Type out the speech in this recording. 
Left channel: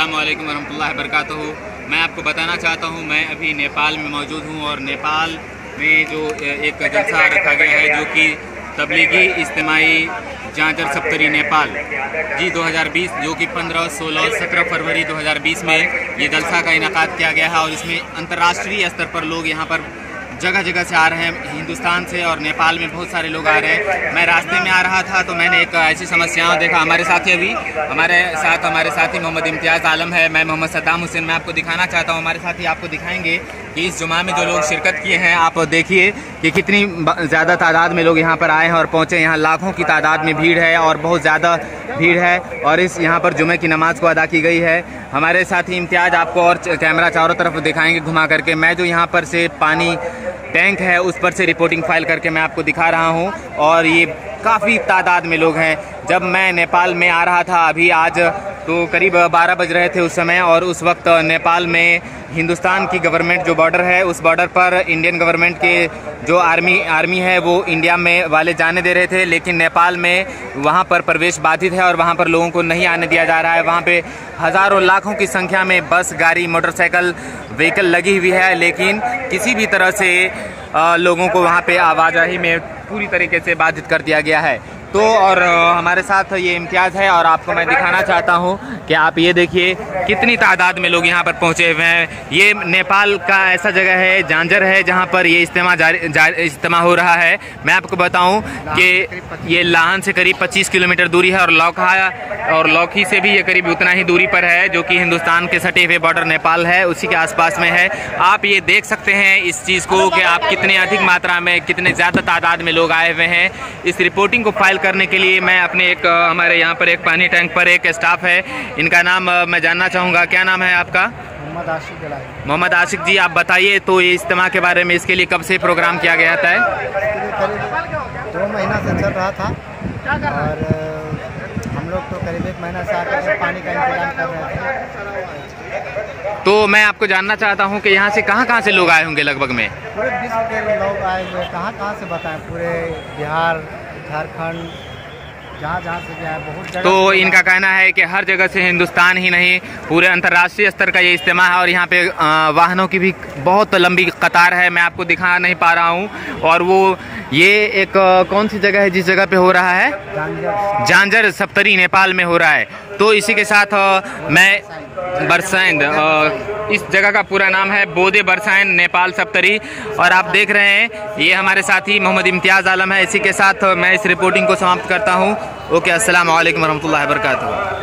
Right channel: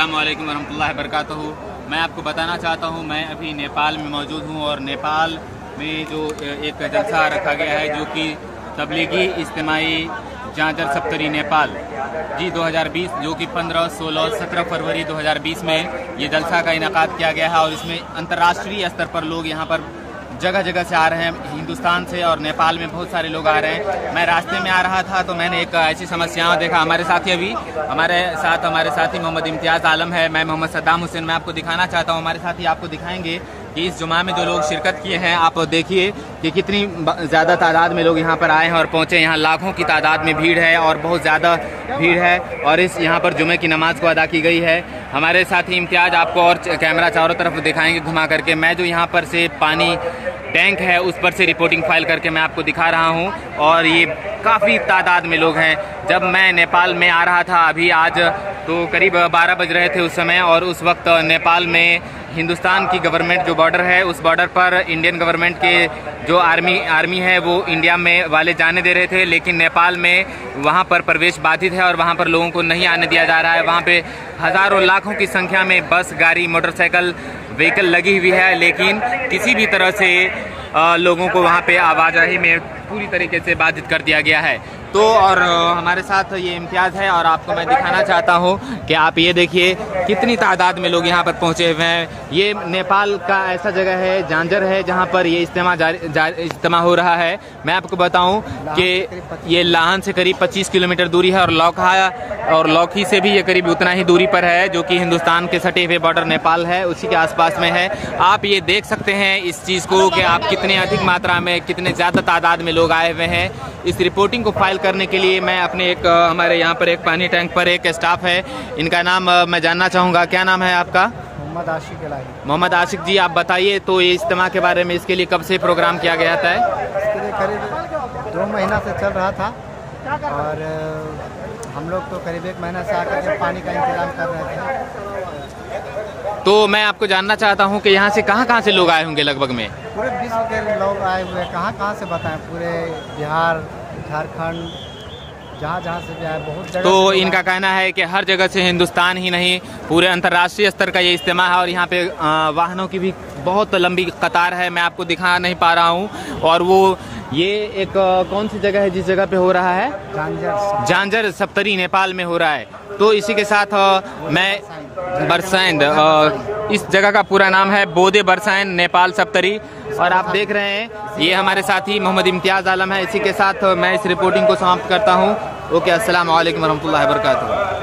अस्सलाम वालेकुम वरहमतुल्लाहि वबरकातुहू। मैं आपको बताना चाहता हूँ, मैं अभी नेपाल में मौजूद हूँ और नेपाल में जो एक जलसा रखा गया है जो कि तबलीगी इज्तिमाई जांजर सप्तरी नेपाल जी 2020 जो कि 15, 16, 17 फरवरी 2020 में ये जलसा का इनेकाद किया गया है और इसमें अंतर्राष्ट्रीय स्तर पर लोग यहाँ पर जगह जगह से आ रहे हैं। हिंदुस्तान से और नेपाल में बहुत सारे लोग आ रहे हैं। मैं रास्ते में आ रहा था तो मैंने एक ऐसी समस्याएं देखा। हमारे साथी मोहम्मद इम्तियाज़ आलम है, मैं मोहम्मद सद्दाम हुसैन। मैं आपको दिखाना चाहता हूं, हमारे साथी आपको दिखाएंगे कि इस जुमा में जो लोग शिरकत किए हैं, आप देखिए कि कितनी ज़्यादा तादाद में लोग यहाँ पर आए हैं और पहुँचे। यहाँ लाखों की तादाद में भीड़ है और बहुत ज़्यादा भीड़ है और इस यहाँ पर जुमे की नमाज को अदा की गई है। हमारे साथी इम्तियाज़ आपको और कैमरा चारों तरफ दिखाएंगे घुमा करके। मैं जो यहाँ पर से पानी टैंक है उस पर से रिपोर्टिंग फाइल करके मैं आपको दिखा रहा हूँ और ये काफ़ी तादाद में लोग हैं। जब मैं नेपाल में आ रहा था अभी आज तो करीब 12 बज रहे थे उस समय, और उस वक्त नेपाल में हिंदुस्तान की गवर्नमेंट जो बॉर्डर है उस बॉर्डर पर इंडियन गवर्नमेंट के जो आर्मी है वो इंडिया में वाले जाने दे रहे थे, लेकिन नेपाल में वहाँ पर प्रवेश बाधित है और वहाँ पर लोगों को नहीं आने दिया जा रहा है। वहाँ पे हज़ारों लाखों की संख्या में बस, गाड़ी, मोटरसाइकिल, व्हीकल लगी हुई है, लेकिन किसी भी तरह से लोगों को वहाँ पे आवाजाही में पूरी तरीके से बाधित कर दिया गया है। तो और हमारे साथ ये इम्तियाज़ है और आपको मैं दिखाना चाहता हूँ कि आप ये देखिए कितनी तादाद में लोग यहाँ पर पहुँचे हुए हैं। ये नेपाल का ऐसा जगह है, जांजर है, जहाँ पर ये इज्तिमा हो रहा है। मैं आपको बताऊँ कि ये लाहन से करीब 25 किलोमीटर दूरी है और लौखी से भी ये करीब उतना ही दूरी पर है, जो कि हिंदुस्तान के सटे हुए बॉर्डर नेपाल है उसी के आसपास में है। आप ये देख सकते हैं इस चीज़ को कि आप कितने अधिक मात्रा में, कितने ज़्यादा तादाद में लोग आए हुए हैं। इस रिपोर्टिंग को फाइल करने के लिए मैं अपने हमारे यहाँ पर एक पानी टैंक पर एक स्टाफ है, इनका नाम मैं जानना चाहूँगा। क्या नाम है आपका? मोहम्मद आशिक जी, आप बताइए तो ये इज्तिमा के बारे में, इसके लिए कब से प्रोग्राम किया गया था? इसके लिए करीब 2 महीना से चल रहा था और हम लोग तो करीब 1 महीना से आकर के पानी का इंतजाम कर रहे थे। तो मैं आपको जानना चाहता हूँ कि यहाँ से कहाँ से लोग आए होंगे लगभग में? पूरे विश्व के लोग आए हुए, कहाँ से बताएं, पूरे बिहार, झारखंड, जहाँ से भी आए, बहुत जगह। तो इनका कहना है कि हर जगह से, हिंदुस्तान ही नहीं पूरे अंतर्राष्ट्रीय स्तर का ये इज्तिमा है और यहाँ पे वाहनों की भी बहुत लंबी कतार है। मैं आपको दिखा नहीं पा रहा हूँ। और वो ये एक कौन सी जगह है जिस जगह पे हो रहा है? जांजर सप्तरी नेपाल में हो रहा है। तो इसी के साथ मैं बरसाइंद, इस जगह का पूरा नाम है बोदे बरसाइंद नेपाल सप्तरी। और आप देख रहे हैं ये हमारे साथी मोहम्मद इम्तियाज़ आलम है। इसी के साथ मैं इस रिपोर्टिंग को समाप्त करता हूँ। ओके, अस्सलाम वालेकुम वरहमतुल्लाहि वबरकातुहू।